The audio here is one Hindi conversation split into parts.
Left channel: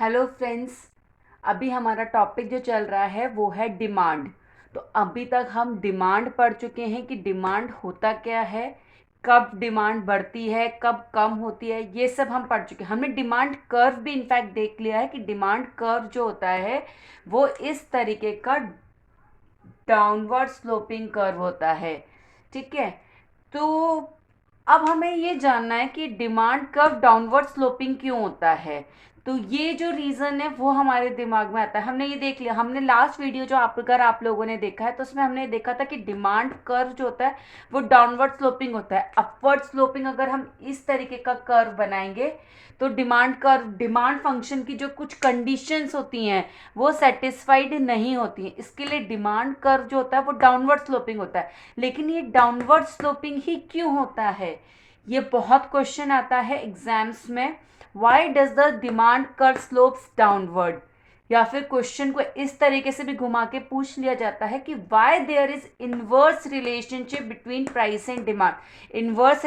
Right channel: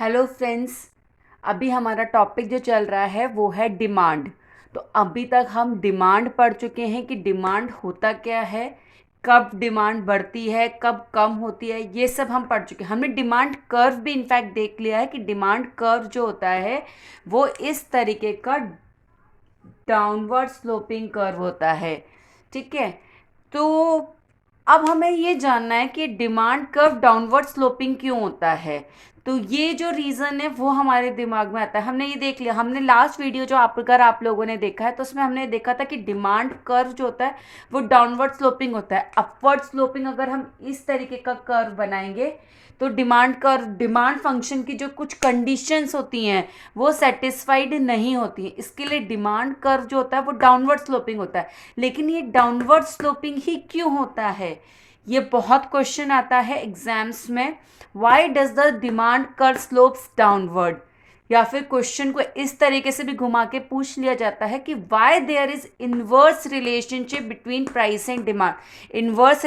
Hello friends. अभी हमारा टॉपिक जो चल रहा है वो है डिमांड। तो अभी तक हम डिमांड पढ़ चुके हैं कि डिमांड होता क्या है, कब डिमांड बढ़ती है, कब कम होती है, ये सब हम पढ़ चुके हैं। हमने डिमांड कर्व भी इनफैक्ट देख लिया है कि डिमांड कर्व जो होता है वो इस तरीके का डाउनवर्ड स्लोपिंग कर्व होता है। ठीक है। तो अब हमें ये जानना है कि डिमांड कर्व डाउनवर्ड स्लोपिंग क्यों होता है। तो ये जो रीज़न है वो हमारे दिमाग में आता है। हमने ये देख लिया, हमने लास्ट वीडियो जो अगर आप लोगों ने देखा है तो उसमें हमने देखा था कि डिमांड कर्व जो होता है वो डाउनवर्ड स्लोपिंग होता है। अपवर्ड स्लोपिंग अगर हम इस तरीके का कर्व बनाएंगे तो डिमांड फंक्शन की जो कुछ कंडीशंस होती हैं वो सेटिस्फाइड नहीं होती हैं। इसके लिए डिमांड कर्व जो होता है वो डाउनवर्ड स्लोपिंग होता है। लेकिन ये डाउनवर्ड स्लोपिंग ही क्यों होता है, ये बहुत क्वेश्चन आता है एग्जाम्स में। Why does the demand curve slopes downward, या फिर क्वेश्चन को इस तरीके से भी घुमा के पूछ लिया जाता है कि why there is inverse relationship between price and demand. Inverse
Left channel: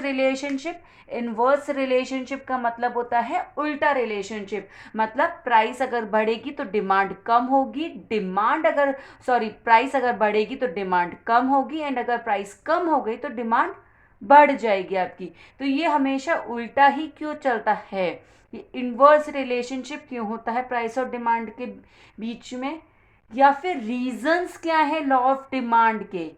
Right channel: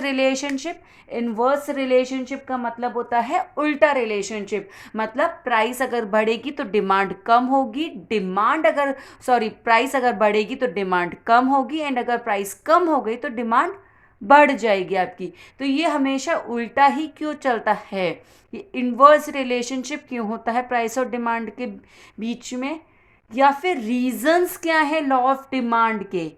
relationship का मतलब होता है उल्टा रिलेशनशिप। मतलब प्राइस अगर बढ़ेगी तो डिमांड कम होगी, प्राइस अगर बढ़ेगी तो डिमांड कम होगी, एंड अगर प्राइस कम हो गई तो डिमांड बढ़ जाएगी आपकी। तो ये हमेशा उल्टा ही क्यों चलता है, ये इनवर्स रिलेशनशिप क्यों होता है प्राइस और डिमांड के बीच में, या फिर रीजंस क्या है लॉ ऑफ डिमांड के।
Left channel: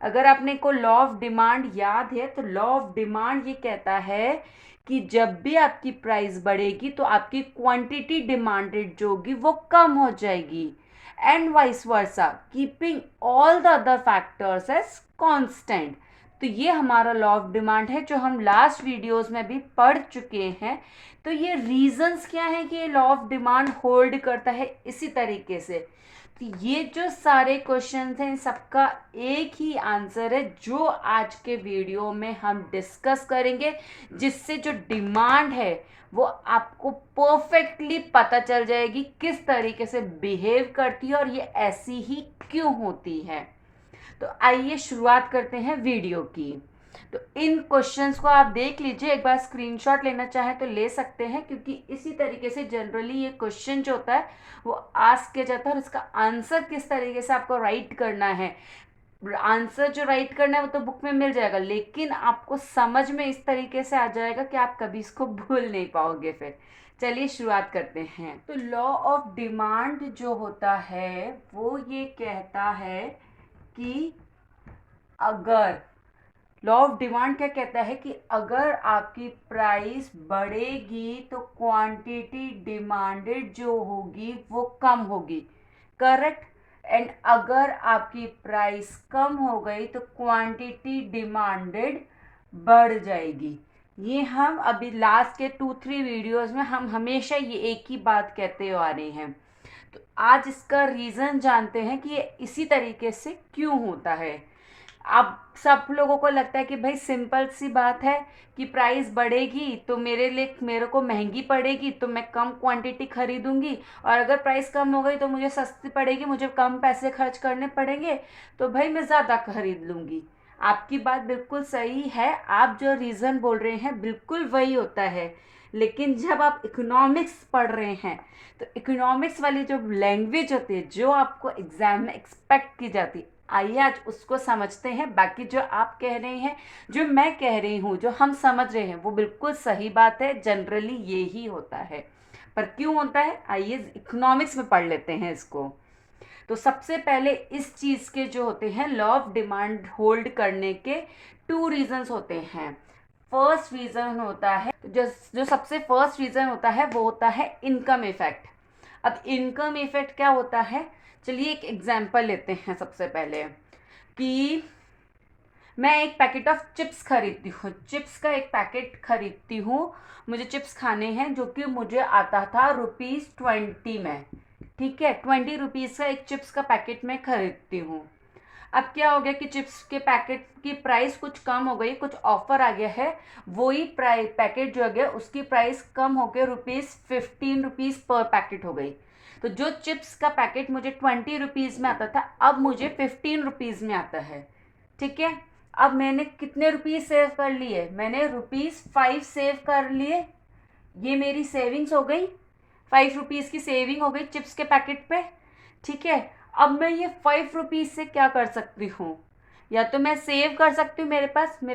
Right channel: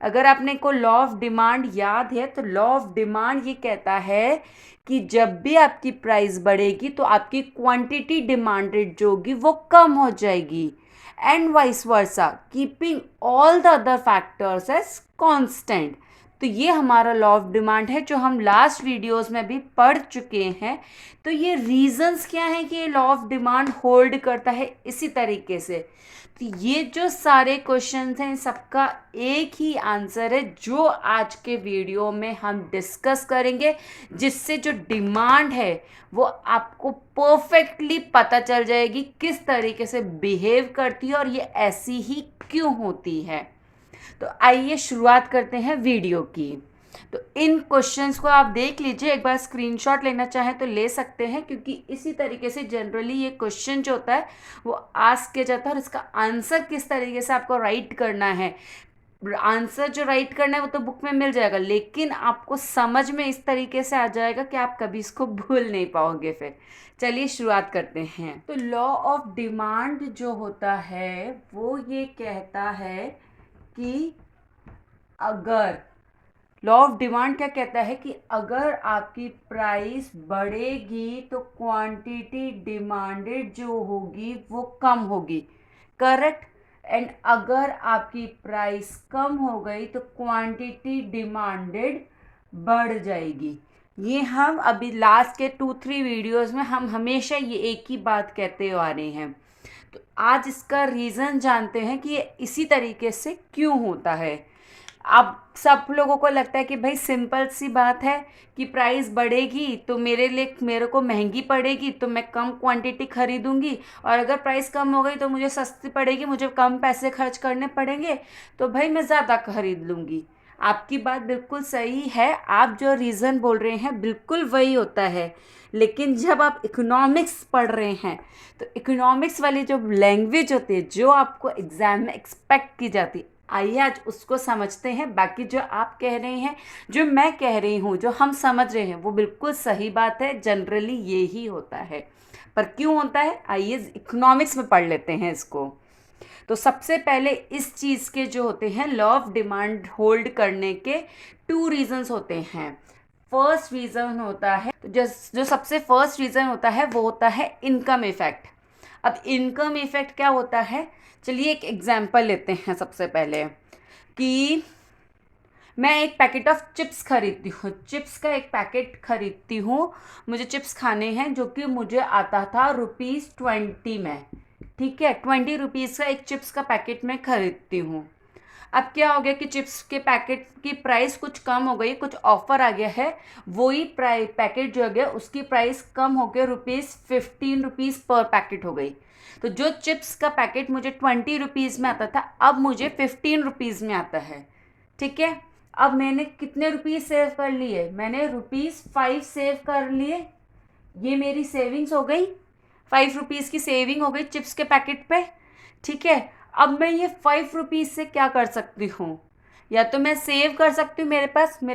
अगर आपने को लॉ ऑफ डिमांड याद है तो लॉ ऑफ डिमांड ये कहता है कि जब भी आपकी प्राइस बढ़ेगी तो आपकी क्वांटिटी डिमांडेड जो होगी वो कम हो जाएगी, and vice versa, keeping all the other factors as constant. तो ये हमारा लॉ ऑफ डिमांड है जो हम लास्ट वीडियोस में भी पढ़ चुके हैं। तो ये रीजंस क्या है कि ये लॉ ऑफ डिमांड होल्ड करता है इसी तरीके से। तो ये जो सारे क्वेश्चंस हैं सबका एक ही आंसर है जो आज के वीडियो में हम डिस्कस करेंगे, जिससे जो डिमांड है वो आपको परफेक्टली पता चल जाएगी किस तरीके से बिहेव करती है और ये ऐसी ही क्यों होती है। तो आइए शुरुआत करते हैं वीडियो की। तो इन क्वेश्चंस को आप देख लीजिए, एक बार स्क्रीनशॉट लेना चाहें तो ले सकते हैं, क्योंकि इसी तरीके से जनरली ये क्वेश्चन जो होता है वो आस्क किया जाता है और इसका आंसर किस तरीके से आपको राइट करना है। आंसर जो राइट करना है वो तो बुक में मिल जाएगा, लेकिन आपको समझ में इस तरीके से आ जाएगा कि आप कभी इसको भूल नहीं पाओगे। फिर चलिए शुरुआत करते हैं। तो लॉ ऑफ डिमांड जो होता है वो ये कहता है कि अगर लॉ ऑफ डिमांड क्या कहता है कि अगर आपकी प्राइस बढ़ेगी तो क्वांटिटी डिमांडेड जो होगी वो कम होगी, करेक्ट। एंड अगर आपकी प्राइस कम हो गई तो क्वांटिटी डिमांडेड बढ़ जाएगी। ये हम अभी लास्ट के 2-3 वीडियोस में हम हमेशा ये एक ही बात कहते आ रहे हैं। तो आज इसका रीज़न जानते हैं कि ये इसी तरीके से क्यों होता है। अब सब लोगों को लगता है कि भाई सिंपल सी बात है कि प्राइस बढ़ेगी तो मेरे को महंगी पड़ेगी तो मैं कम क्वांटिटी खरीदूंगी, और अगर प्राइस कम हो गई तो मुझे सस्ती पड़ेगी, मुझे कम पैसे खर्च करने पड़ेंगे, तो भाई मैं ज़्यादा खरीद लूँगी। आपकी बात बिल्कुल सही है, आप जो रीज़न बोल रहे हैं बिल्कुल वही होता है। लेकिन जब आप इकोनॉमिक्स पढ़ रहे हैं तो इकोनॉमिक्स वाली जो लैंग्वेज होती है जो आपको एग्जाम में एक्सपेक्ट की जाती, आइए आज उसको समझते हैं। बाकी जो आप कह रहे हैं, जो मैं कह रही हूँ, जो हम समझ रहे हैं वो बिल्कुल सही बात है, जनरली ये ही होता है। पर क्यों होता है आइए इकोनॉमिक्स में पढ़ लेते हैं इसको। तो सबसे पहले इस चीज़ के जो होते हैं लॉ ऑफ डिमांड होल्ड करने के 2 रीजंस होते हैं। फर्स्ट रीज़न होता है, जो सबसे फर्स्ट रीज़न होता है वो होता है इनकम इफेक्ट। अब इनकम इफेक्ट क्या होता है, चलिए एक एग्जांपल लेते हैं। सबसे पहले कि मैं एक पैकेट ऑफ चिप्स खरीदती हूँ, चिप्स का एक पैकेट खरीदती हूँ, मुझे चिप्स खाने हैं, जो कि मुझे आता था ₹20 में। ठीक है, 20 रुपीज़ का एक चिप्स का पैकेट मैं खरीदती हूँ। अब क्या हो गया कि चिप्स के पैकेट की प्राइस कुछ कम हो गई, कुछ ऑफर आ गया है, वही पैकेट जो हो गया उसकी प्राइस कम हो गया, ₹15 पर पैकेट हो गई। तो जो चिप्स का पैकेट मुझे 20 रुपीज़ में आता था अब मुझे 15 रुपीज़ में आता है। ठीक है, अब मैंने कितने रुपीज़ सेव कर लिए, मैंने ₹5 सेव कर लिए, ये मेरी सेविंग्स हो गई। ₹5 की सेविंग हो गई चिप्स के पैकेट पे। ठीक है, अब मैं ये ₹5 से क्या कर सकती हूँ, या तो मैं सेव कर सकती हूँ, मेरे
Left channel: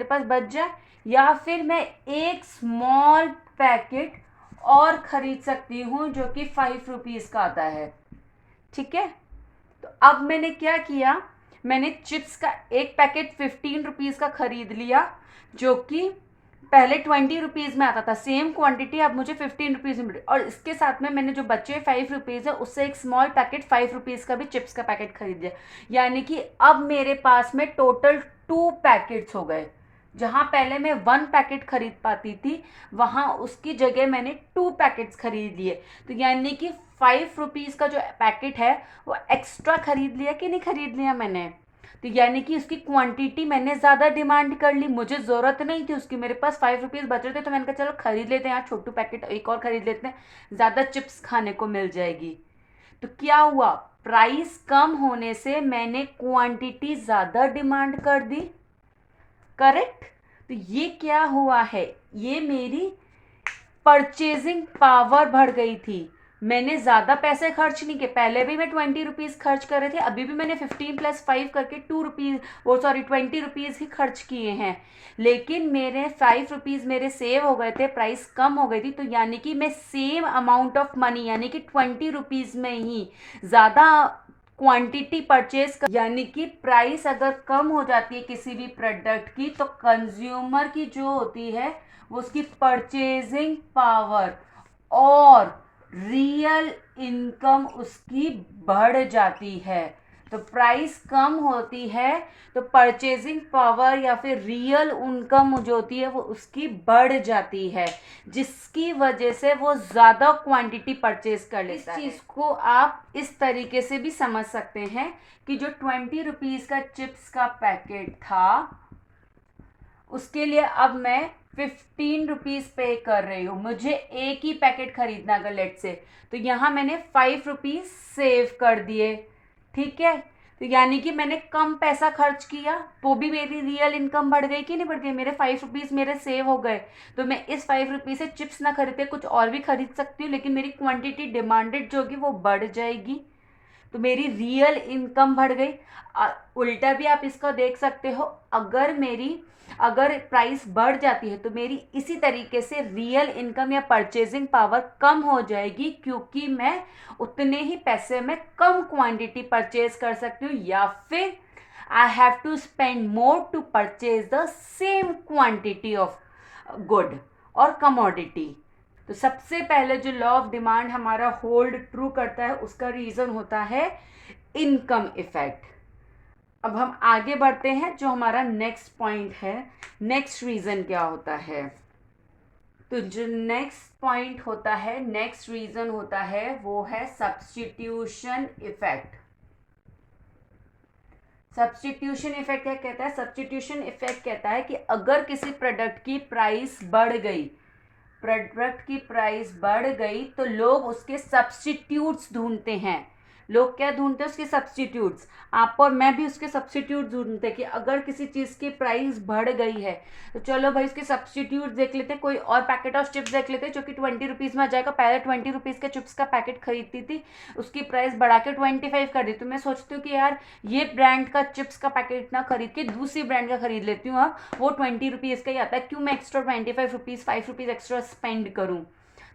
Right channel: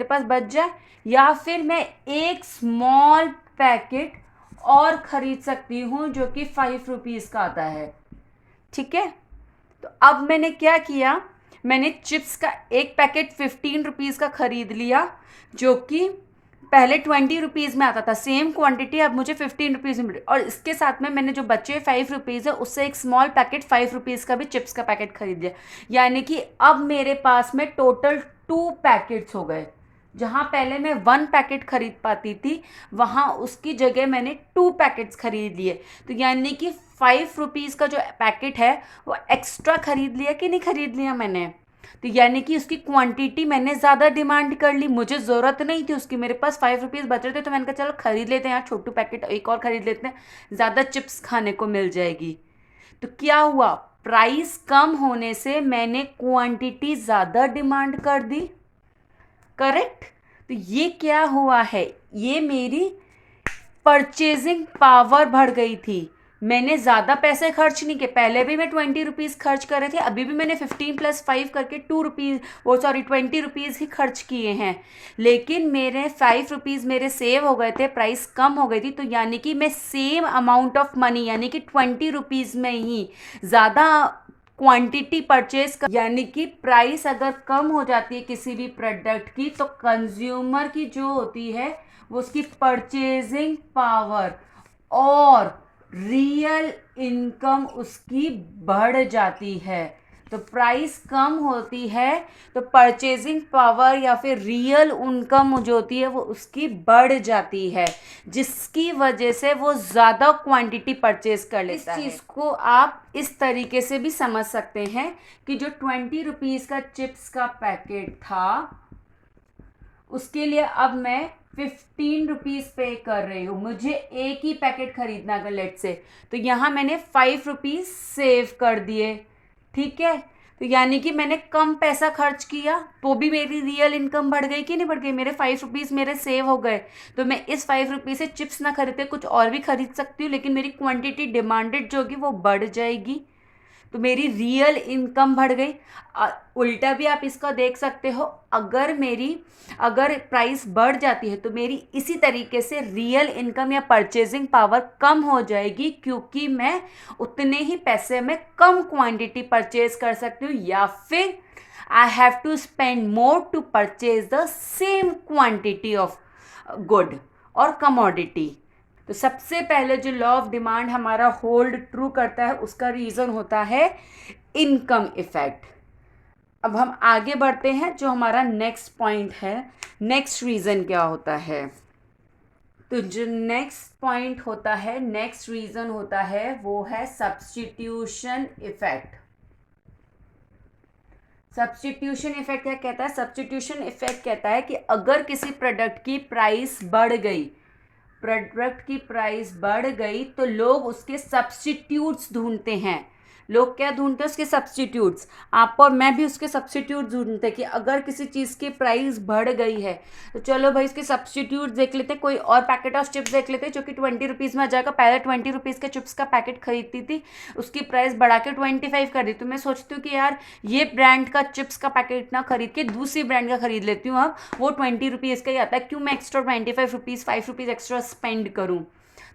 पास बच जाए, या फिर मैं एक स्मॉल पैकेट और ख़रीद सकती हूँ जो कि ₹5 का आता है। ठीक है, तो अब मैंने क्या किया, मैंने चिप्स का एक पैकेट ₹15 का ख़रीद लिया, जो कि पहले ₹20 में आता था, सेम क्वांटिटी अब मुझे ₹15 में मिली, और इसके साथ में मैंने जो बचे ₹5 है उससे एक स्मॉल पैकेट ₹5 का भी चिप्स का पैकेट खरीद लिया। यानी कि अब मेरे पास में टोटल 2 पैकेट्स हो गए। जहाँ पहले मैं 1 पैकेट खरीद पाती थी, वहाँ उसकी जगह मैंने 2 पैकेट्स खरीद लिए। तो यानी कि ₹5 का जो पैकेट है वो एक्स्ट्रा खरीद लिया कि नहीं खरीद लिया मैंने। तो यानी कि उसकी क्वांटिटी मैंने ज़्यादा डिमांड कर ली, मुझे ज़रूरत नहीं थी उसकी, मेरे पास ₹5 बच रहे थे, तो मैंने कहा चलो खरीद लेते हैं यार, छोटू पैकेट एक और खरीद लेते हैं, ज़्यादा चिप्स खाने को मिल जाएगी। तो क्या हुआ, प्राइस कम होने से मैंने क्वांटिटी ज़्यादा डिमांड कर दी। करेक्ट। तो ये क्या हुआ है, ये मेरी परचेजिंग पावर बढ़ गई थी। मैंने ज़्यादा पैसे खर्च नहीं किए, पहले भी मैं ₹20 खर्च कर रहे थे, अभी भी मैंने 15 + 5 करके ₹20 ही खर्च किए हैं, लेकिन मेरे ₹5 मेरे सेव हो गए थे, प्राइस कम हो गई थी। तो यानी कि मैं सेम अमाउंट ऑफ मनी यानी कि ₹20 में ही ज़्यादा क्वांटिटी परचेज कर, यानी कि प्राइस अगर कम हो जाती है किसी भी प्रोडक्ट की, तो कंज्यूमर की जो होती है वो उसकी परचेजिंग पावर और रियल इनकम उसकी बढ़ जाती है। तो प्राइस कम होती है तो परचेजिंग पावर या फिर रियल इनकम जो होती है वो उसकी बढ़ जाती है, जिसकी वजह से वो ज़्यादा क्वांटिटी परचेज कर लेता है। इस चीज़ को आप इस तरीके से भी समझ सकते हैं कि जो ₹20 का चिप्स का पैकेट था उसके लिए अब मैं ₹15 पे कर रही हूँ, मुझे एक ही पैकेट खरीदना अगर लेट से, तो यहाँ मैंने ₹5 सेव कर दिए। ठीक है, तो यानी कि मैंने कम पैसा खर्च किया तो भी मेरी रियल इनकम बढ़ गई कि नहीं बढ़ गई, मेरे ₹5 मेरे सेव हो गए। तो मैं इस ₹5 से चिप्स ना खरीद के कुछ और भी खरीद सकती हूँ, लेकिन मेरी क्वांटिटी डिमांडेड जो होगी वो बढ़ जाएगी, तो मेरी रियल इनकम बढ़ गई। उल्टा भी आप इसका देख सकते हो, अगर प्राइस बढ़ जाती है तो मेरी इसी तरीके से रियल इनकम या परचेजिंग पावर कम हो जाएगी, क्योंकि मैं उतने ही पैसे में कम क्वांटिटी परचेज कर सकती हूँ, या फिर I have to spend more to purchase the same quantity of good और कमोडिटी। तो सबसे पहले जो लॉ ऑफ डिमांड हमारा होल्ड ट्रू करता है उसका रीज़न होता है इनकम इफेक्ट। अब हम आगे बढ़ते हैं, जो हमारा नेक्स्ट पॉइंट है, नेक्स्ट रीज़न क्या होता है। तो जो नेक्स्ट पॉइंट होता है, नेक्स्ट रीज़न होता है, वो है सब्स्टिट्यूशन इफेक्ट। सब्स्टिट्यूशन इफेक्ट क्या कहता है, सब्स्टिट्यूशन इफेक्ट कहता है कि अगर किसी प्रोडक्ट की प्राइस बढ़ गई तो लोग उसके सब्स्टिट्यूट्स ढूंढते हैं। लोग क्या ढूंढते हैं, उसके सब्स्टिट्यूट्स। आप और मैं भी उसके सब्स्टिट्यूट ढूंढते हैं कि अगर किसी चीज़ की प्राइस बढ़ गई है तो चलो भाई उसके सब्स्टिट्यूट देख लेते हैं, कोई और पैकेट ऑफ चिप्स देख लेते हैं जो कि ₹20 में आ जाएगा। पहले ₹20 के चिप्स का पैकेट खरीदती थी, उसकी प्राइस बढ़ा के 25 कर दी, तो मैं सोचती हूँ कि यार ये ब्रांड का चिप्स का पैकेट ना खरीद के दूसरी ब्रांड का खरीद लेती हूँ, अब वो ₹20 का ही आता है, क्यों मैं एक्स्ट्रा ₹5 एक्स्ट्रा स्पेंड करूँ।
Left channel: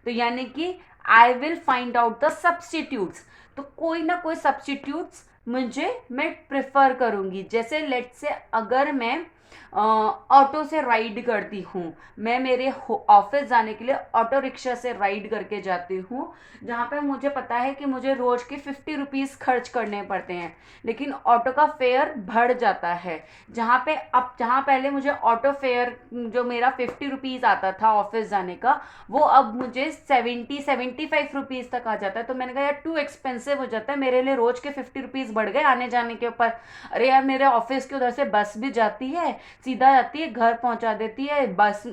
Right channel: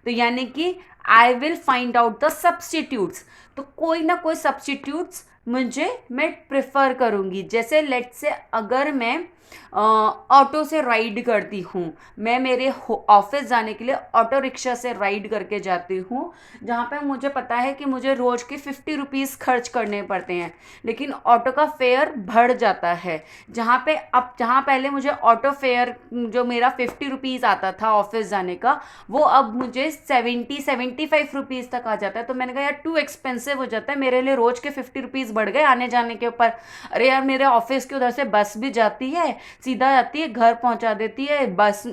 तो यानी कि I will find out the substitutes, तो कोई ना कोई सब्स्टिट्यूट्स मैं प्रेफर करूँगी। जैसे लेट से अगर मैं ऑटो से राइड करती हूँ, मैं मेरे ऑफिस जाने के लिए ऑटो रिक्शा से राइड करके जाती हूँ, जहाँ पे मुझे पता है कि मुझे रोज़ के ₹50 खर्च करने पड़ते हैं, लेकिन ऑटो का फेयर बढ़ जाता है। जहाँ पहले मुझे ऑटो फेयर जो मेरा ₹50 आता था ऑफिस जाने का, वो अब मुझे ₹75 तक आ जाता है। तो मैंने कहा यार टू एक्सपेंसिव हो जाता है मेरे लिए, रोज़ के ₹50 बढ़ गए आने जाने के ऊपर। अरे यार मेरे ऑफिस के उधर से बस भी जाती है, सीधा जाती है, घर पहुंचा देती है, बस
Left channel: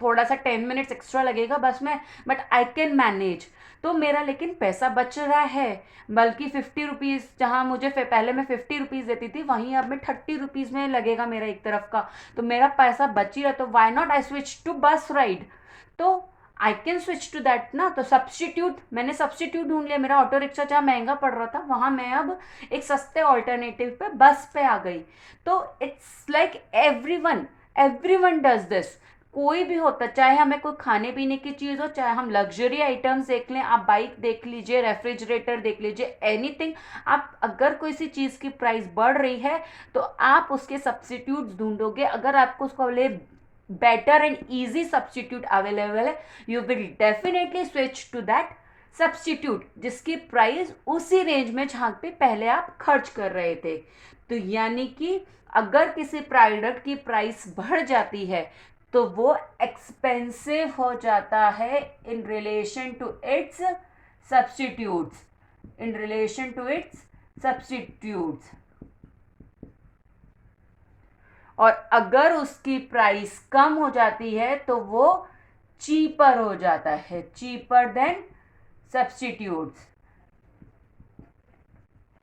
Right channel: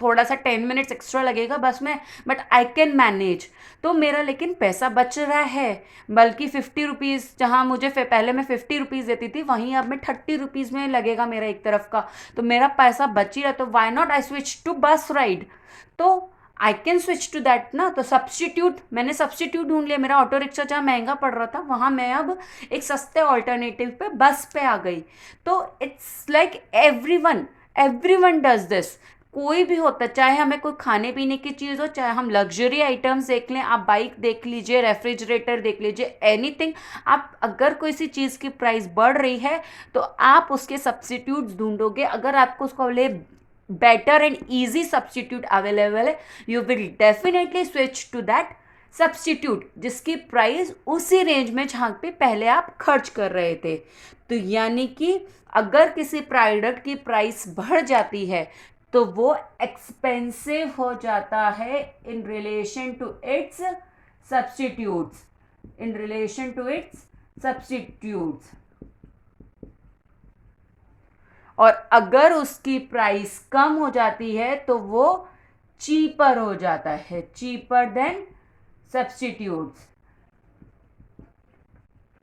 थोड़ा सा 10 मिनट्स एक्स्ट्रा लगेगा बस में, बट आई कैन मैनेज। तो मेरा लेकिन पैसा बच रहा है, बल्कि ₹50 जहाँ मुझे पहले मैं ₹50 देती थी, वहीं अब मैं ₹30 में लगेगा मेरा एक तरफ का, तो मेरा पैसा बच ही रहा। तो why not I switch to bus ride. तो I can switch to that ना। तो सब्स्टिट्यूट, मैंने सब्स्टिट्यूट ढूंढ लिया। मेरा ऑटो रिक्शा जहाँ महंगा पड़ रहा था वहाँ मैं अब एक सस्ते ऑल्टरनेटिव पे बस पे आ गई। तो it's like everyone does this. कोई भी होता, चाहे हमें कोई खाने पीने की चीज़ हो, चाहे हम लग्जरी आइटम्स देख लें, आप बाइक देख लीजिए, रेफ्रिजरेटर देख लीजिए, एनीथिंग। आप अगर कोई सी चीज़ की प्राइस बढ़ रही है तो आप उसके सब्स्टिट्यूट्स ढूंढोगे। अगर आपको उसको ले better and easy substitute available है, you will definitely switch to that substitute जिसकी प्राइस उसी रेंज में जहाँ पे पहले आप खर्च कर रहे थे। तो यानी कि अगर किसी प्रोडक्ट की प्राइस बढ़ जाती है तो वो एक्सपेंसिव हो जाता है in relation to its substitutes, in relation to its substitutes. और अगर उसकी प्राइस कम हो जाती है तो वो चीपर हो जाता है, चीपर देन सब्स्टिट्यूट्स।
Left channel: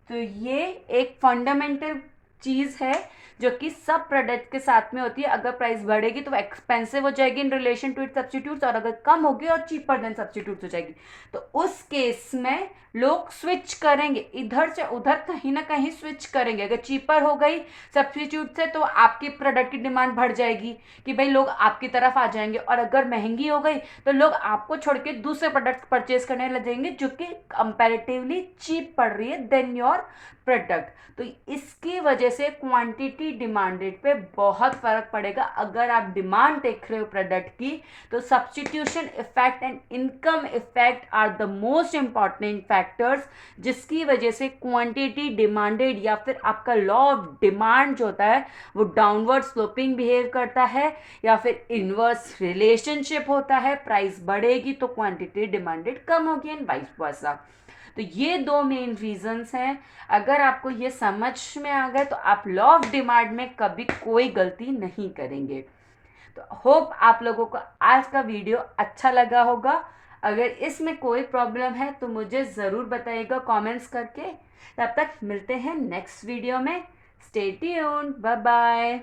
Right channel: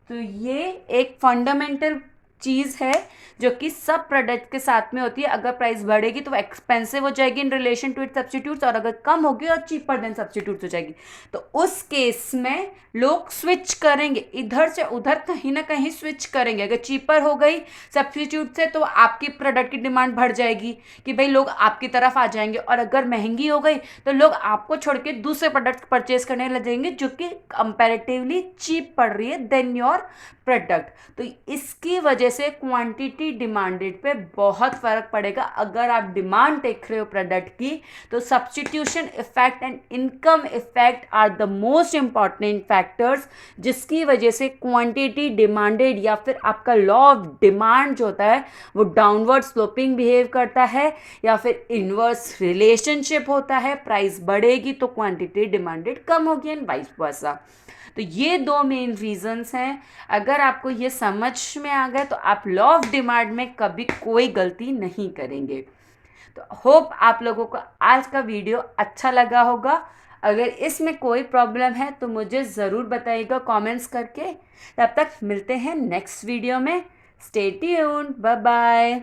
तो ये एक फंडामेंटल चीज़ है जो कि सब प्रोडक्ट के साथ में होती है। अगर प्राइस बढ़ेगी तो वो एक्सपेंसिव हो जाएगी in relation to it substitutes, और अगर कम होगी और चीपर देन सब्स्टिट्यूट्स हो जाएगी। तो उस केस में लोग स्विच करेंगे, इधर से उधर कहीं ना कहीं स्विच करेंगे। अगर चीपर हो गई सब्स्टिट्यूट से तो आपकी प्रोडक्ट की डिमांड बढ़ जाएगी कि भाई लोग आपकी तरफ आ जाएंगे, और अगर महंगी हो गई तो लोग आपको छोड़ के दूसरे प्रोडक्ट परचेज करने लगेंगे जो कि कंपैरेटिवली चीप पड़ रही है देन योर प्रोडक्ट। तो इसकी वजह से क्वांटिटी डिमांडेड पे बहुत फर्क पड़ेगा। अगर आप डिमांड देख रहे हो प्रोडक्ट की तो substitution effect and income effect are the most important factors, जिसकी वजह से क्वांटिटी डिमांडेड या फिर आपका लॉ ऑफ डिमांड जो होता है वो डाउनवर्ड स्लोपिंग बिहेव करता है या फिर इनवर्स रिलेशनशिप होता है। प्राइस बढ़ेगी तो क्वांटिटी डिमांडेड कम होगी एंड वाइस वर्सा। तो ये दो मेन रीजंस हैं। अगर आपको ये समझ में आ गए तो आप लॉ ऑफ डिमांड में कभी कोई गलती नहीं करेंगे। तो होप आप लोगों को आज का वीडियो अच्छा लगा होगा। अगर इसमें कोई प्रॉब्लम है तो मुझे ज़रूर बताइएगा कमेंट्स करके। तब तक मिलते हैं नेक्स्ट वीडियो में। Stay tuned, bye bye.